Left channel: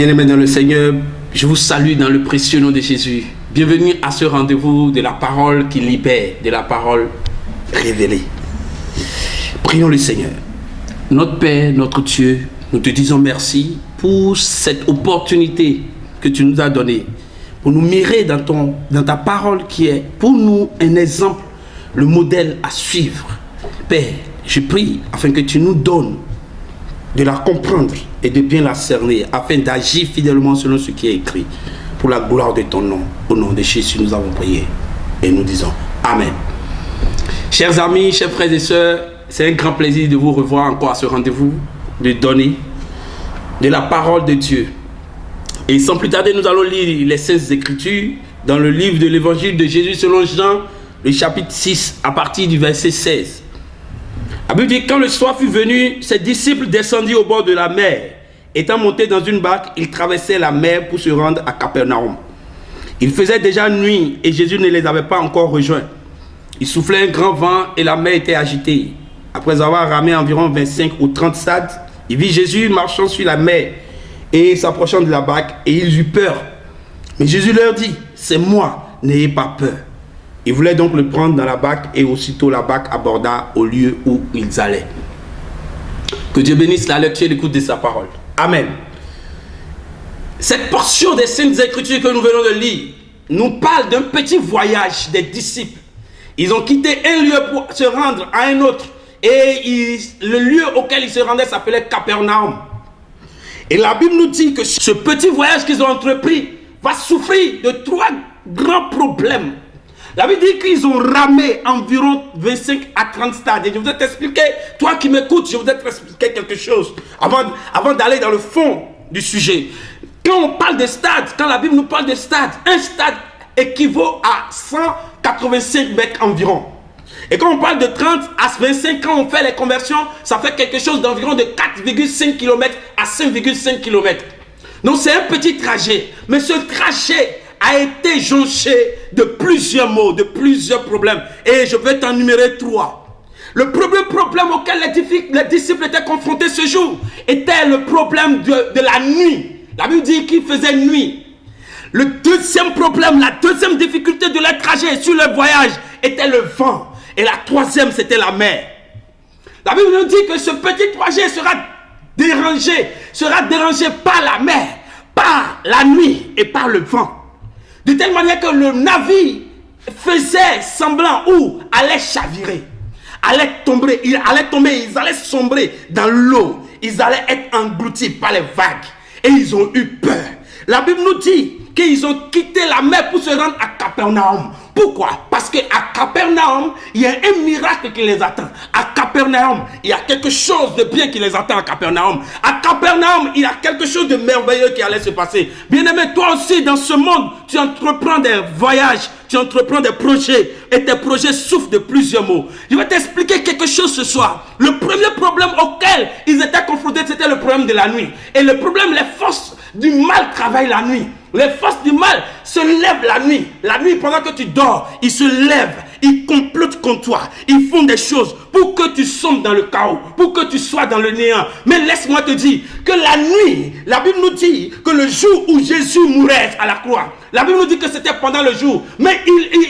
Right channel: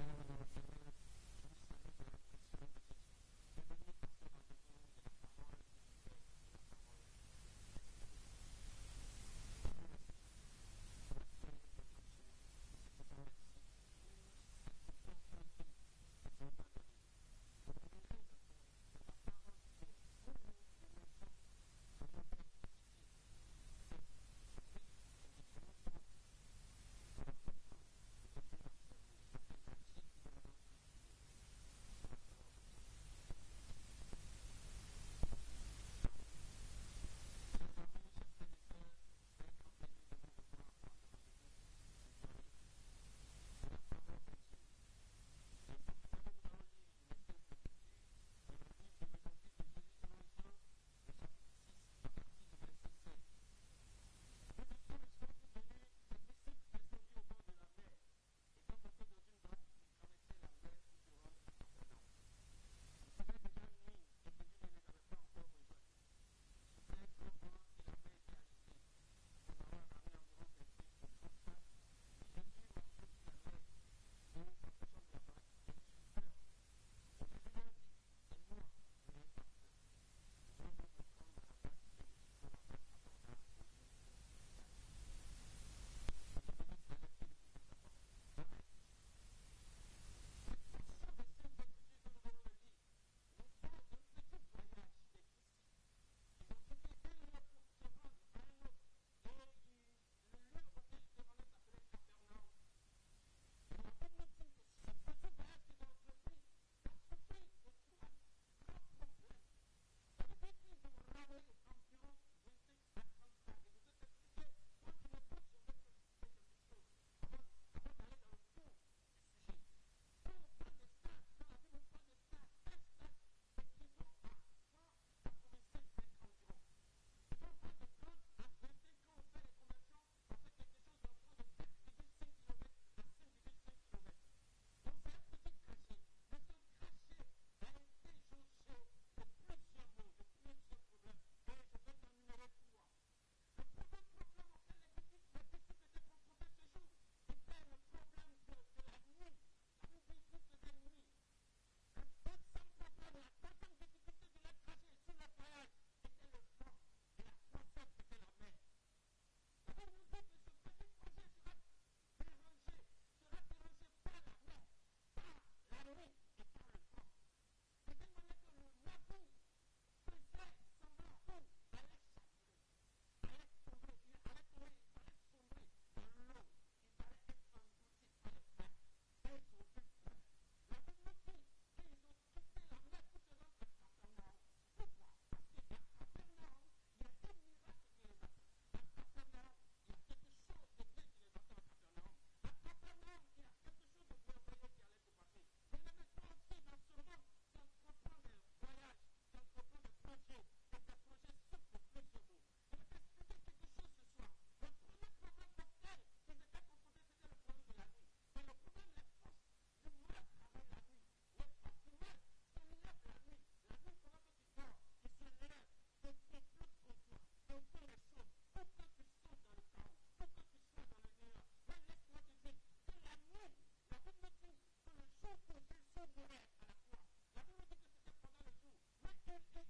Bien-aimés dans le Seigneur, je vous salue dans le précieux nom de Jésus. Bienvenue à ce rendez-vous de la parole qui libère, de la parole révélée. Prions le Seigneur. Notre Père, notre Dieu, nous te disons merci pour cette opportunité que tu nous as donnée, pour nous mirer dans ta parole qui est pour nous un exemple, le modèle à suivre. Père, je prie afin que tu nous donnes de la comprendre et de bien la cerner, afin d'agir fidèlement selon ce qui est écrit, pour la gloire de ton nom. Au nom de Jésus, nous avons prié et nous disons Amen. Chers amis, chers frères et sœurs, c'est un grand plaisir de vous revoir encore à ce rendez-vous, de donner de la parole de Dieu. Et sans plus tarder, nous allons lire les Saintes Écritures dans le livre de l'Évangile de Jésus selon Jean, le chapitre 6, à partir du verset 16. La Bible dit, quand le soir fut venu, ses disciples descendirent au bord de la mer. Étant montés dans une barque, ils traversaient la mer pour se rendre à Capernaum. Il faisait déjà nuit et Jésus ne les avait pas encore rejoints. Il soufflait un grand vent et la mer était agitée. Après avoir ramé environ 25 ou 30 stades, il vit Jésus marchant sur la mer et s'approchant de la barque, et ils eurent peur. Mais Jésus leur dit, c'est moi, n'ayez pas peur. Ils voulaient donc le prendre dans la barque et aussitôt la barque aborda au lieu où ils allaient. Que Dieu bénisse la lecture et l'écoute de sa parole. Amen. Cette portion des Saintes Écritures que nous venons de lire nous parle d'un petit voyage des disciples. Ils ont quitté un lieu pour se rendre à un autre. Et le lieu auquel ils se rendaient s'appelait Capernaum. Et la Bible nous dit que ce petit voyage qu'ils ont entrepris va souffrir de trois grands problèmes. La Bible dit qu'ils ont ramé environ 25 à 30 stades. Et je voudrais t'expliquer, toi qui m'écoutes, je voudrais t'expliquer quelque chose avant d'aller dans le fond du sujet. Quand on parle de stades, quand la Bible nous parle de stades, un stade équivaut à 185 mètres environ. Et quand on parle de 30 à 25, quand on fait les conversions, ça fait quelque chose d'environ de 4,5 km à 5,5 km. Donc c'est un petit trajet. Mais ce trajet a été jonché de plusieurs maux, de plusieurs problèmes. Et je vais t'en numérer 3. Le premier problème auquel les disciples étaient confrontés ce jour était le problème de la nuit. La Bible dit qu'il faisait nuit. Le deuxième problème, la deuxième difficulté de leur trajet sur leur voyage était le vent. Et la troisième, c'était la mer. La Bible nous dit que ce petit trajet sera dérangé par la mer, par la nuit et par le vent. De telle manière que le navire faisait semblant ou allait chavirer, allait tomber, ils allaient sombrer dans l'eau, ils allaient être engloutis par les vagues et ils ont eu peur. La Bible nous dit qu'ils ont quitté la mer pour se rendre à Capernaum. Pourquoi? Parce qu'à Capernaum, il y a un miracle qui les attend. À Capernaum, il y a quelque chose de bien qui les attend à Capernaum. À Capernaum, il y a quelque chose de merveilleux qui allait se passer. Bien-aimé, toi aussi, dans ce monde, tu entreprends des voyages, tu entreprends des projets, et tes projets souffrent de plusieurs maux. Je vais t'expliquer quelque chose ce soir. Le premier problème auquel ils étaient confrontés, c'était le problème de la nuit. Et le problème, les forces du mal travaillent la nuit. Les forces du mal se lèvent la nuit. La nuit, pendant que tu dors, ils se lèvent. Ils complotent contre toi. Ils font des choses pour que tu sombres dans le chaos, pour que tu sois dans le néant. Mais laisse-moi te dire que la nuit, la Bible nous dit que le jour où Jésus mourait à la croix, la Bible nous dit que c'était pendant le jour. Mais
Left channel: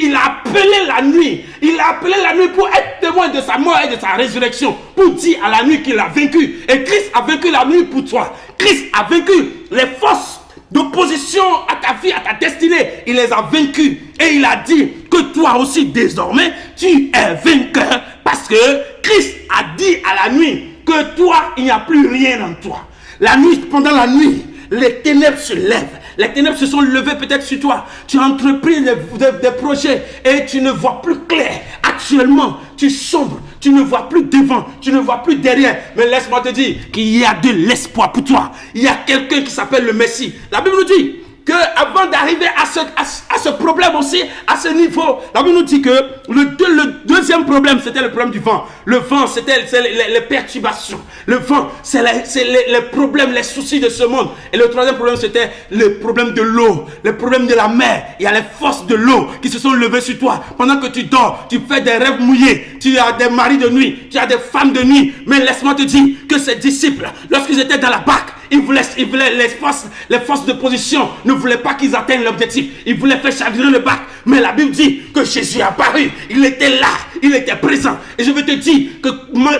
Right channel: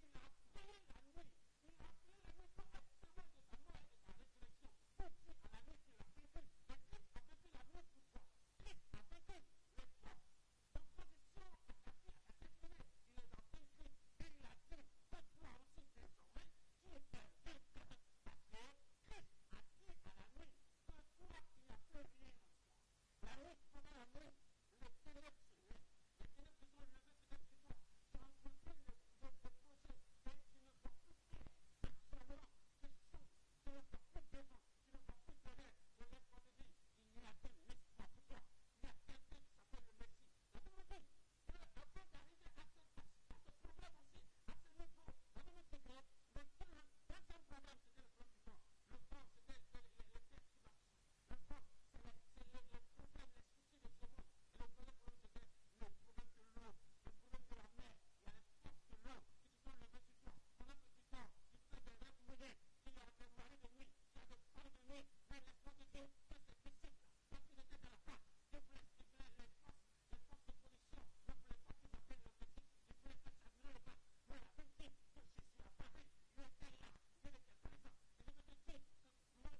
il a appelé la nuit. Il a appelé la nuit pour être témoin de sa mort et de sa résurrection. Pour dire à la nuit qu'il a vaincu. Et Christ a vaincu la nuit pour toi. Christ a vaincu les forces d'opposition à ta vie, à ta destinée. Il les a vaincus. Et il a dit que toi aussi désormais, tu es vainqueur. Parce que Christ a dit à la nuit que toi, il n'y a plus rien en toi. La nuit, pendant la nuit, les ténèbres se lèvent. Les ténèbres se sont levées peut-être sur toi. Tu as entrepris des projets et tu ne vois plus clair. Actuellement, tu sombres. Tu ne vois plus devant. Tu ne vois plus derrière. Mais laisse-moi te dire qu'il y a de l'espoir pour toi. Il y a quelqu'un qui s'appelle le Messie. La Bible nous dit qu'avant d'arriver à ce problème aussi, à ce niveau, la Bible nous dit que le deuxième problème, c'était le problème du vent. Le vent, c'était les perturbations. Le vent, c'est les problèmes, les soucis de ce monde. Et le troisième problème, c'était le problème de l'eau, le problème de la mer. Il y a les forces de l'eau qui se sont levées sur toi. Pendant que tu dors, tu fais des rêves mouillés. Tu as des maris de nuit, tu as des femmes de nuit. Mais laisse-moi te dire que ces disciples, lorsqu'ils étaient dans la barque, Les forces de position ne voulaient pas qu'ils atteignent l'objectif. Ils voulaient faire chavirer le bac. Mais la Bible dit que Jésus est apparu. Il était là. Il était présent. Et je veux te dire que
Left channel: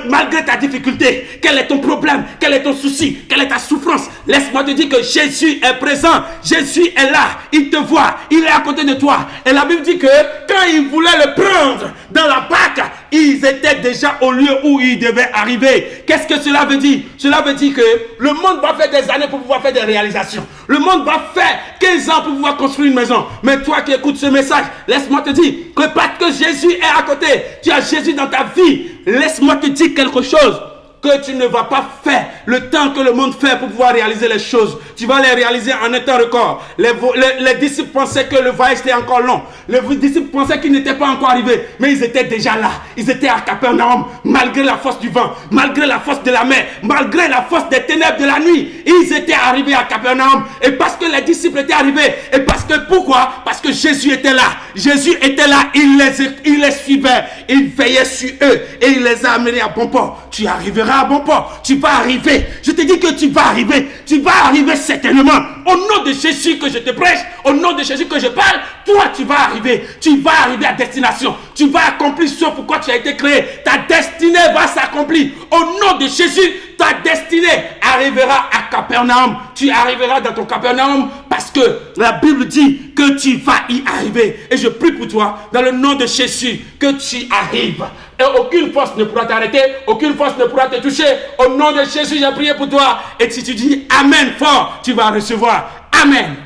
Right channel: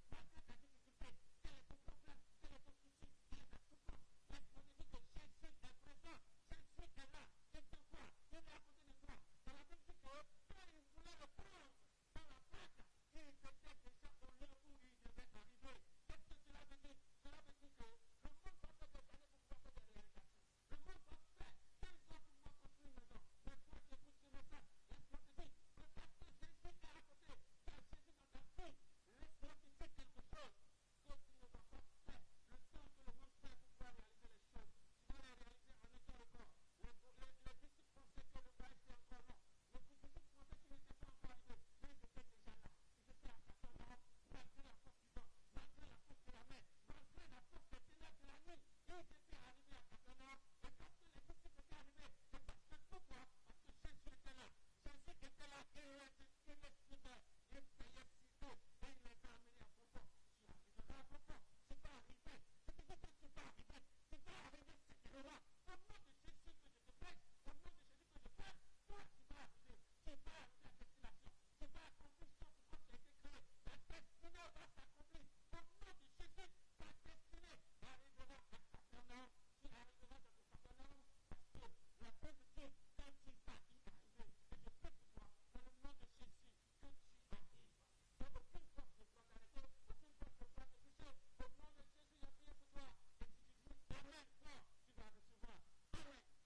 malgré ta difficulté, quel est ton problème, quel est ton souci, quelle est ta souffrance, laisse-moi te dire que Jésus est présent. Jésus est là. Il te voit. Il est à côté de toi. Et la Bible dit que quand ils voulaient le prendre dans la barque, ils étaient déjà au lieu où ils devaient arriver. Qu'est-ce que cela veut dire? Cela veut dire que le monde va faire des années pour pouvoir faire des réalisations. Le monde va faire 15 ans pour pouvoir construire une maison. Mais toi qui écoutes ce message, laisse-moi te dire que parce que Jésus est à côté, tu as Jésus dans ta vie. Laisse-moi te dire quelque chose que tu ne vas pas faire le temps que le monde fait pour pouvoir réaliser les choses. Tu vas les réaliser en un temps record. Les disciples pensaient que le voyage était encore long. Les disciples pensaient qu'ils n'étaient pas encore arrivés. Mais ils étaient déjà là. Ils étaient à Capernaum. Malgré la force du vent, malgré la force de la mer, malgré la force des ténèbres de la nuit, ils étaient arrivés à Capernaum. Et parce que les disciples étaient arrivés, et parce que pourquoi? Parce que Jésus était là. Jésus était là. Il les suivait. Il veillait sur eux. Et il les a amenés à bon port. Tu arriveras à bon port. Tu vas arriver. Je te dis que tu vas arriver. Tu vas arriver certainement. Au nom de Jésus que je te prêche, au nom de Jésus que je parle, toi tu vas arriver. Tu vas arriver à destination. Tu vas accomplir ce pourquoi tu as été créé. Ta destinée va s'accomplir. Au nom de Jésus, ta destinée arrivera à Capernaum. Tu arriveras dans ton Capernaum parce que la Bible dit que tu vas y arriver. Et je prie pour toi, dans le nom de Jésus, que tu arrives. Et aucune force ne pourra t'arrêter, aucune force ne pourra te toucher. Au nom de Jésus, j'ai prié pour toi. Et si tu dis Amen fort, tu vas recevoir. Amen.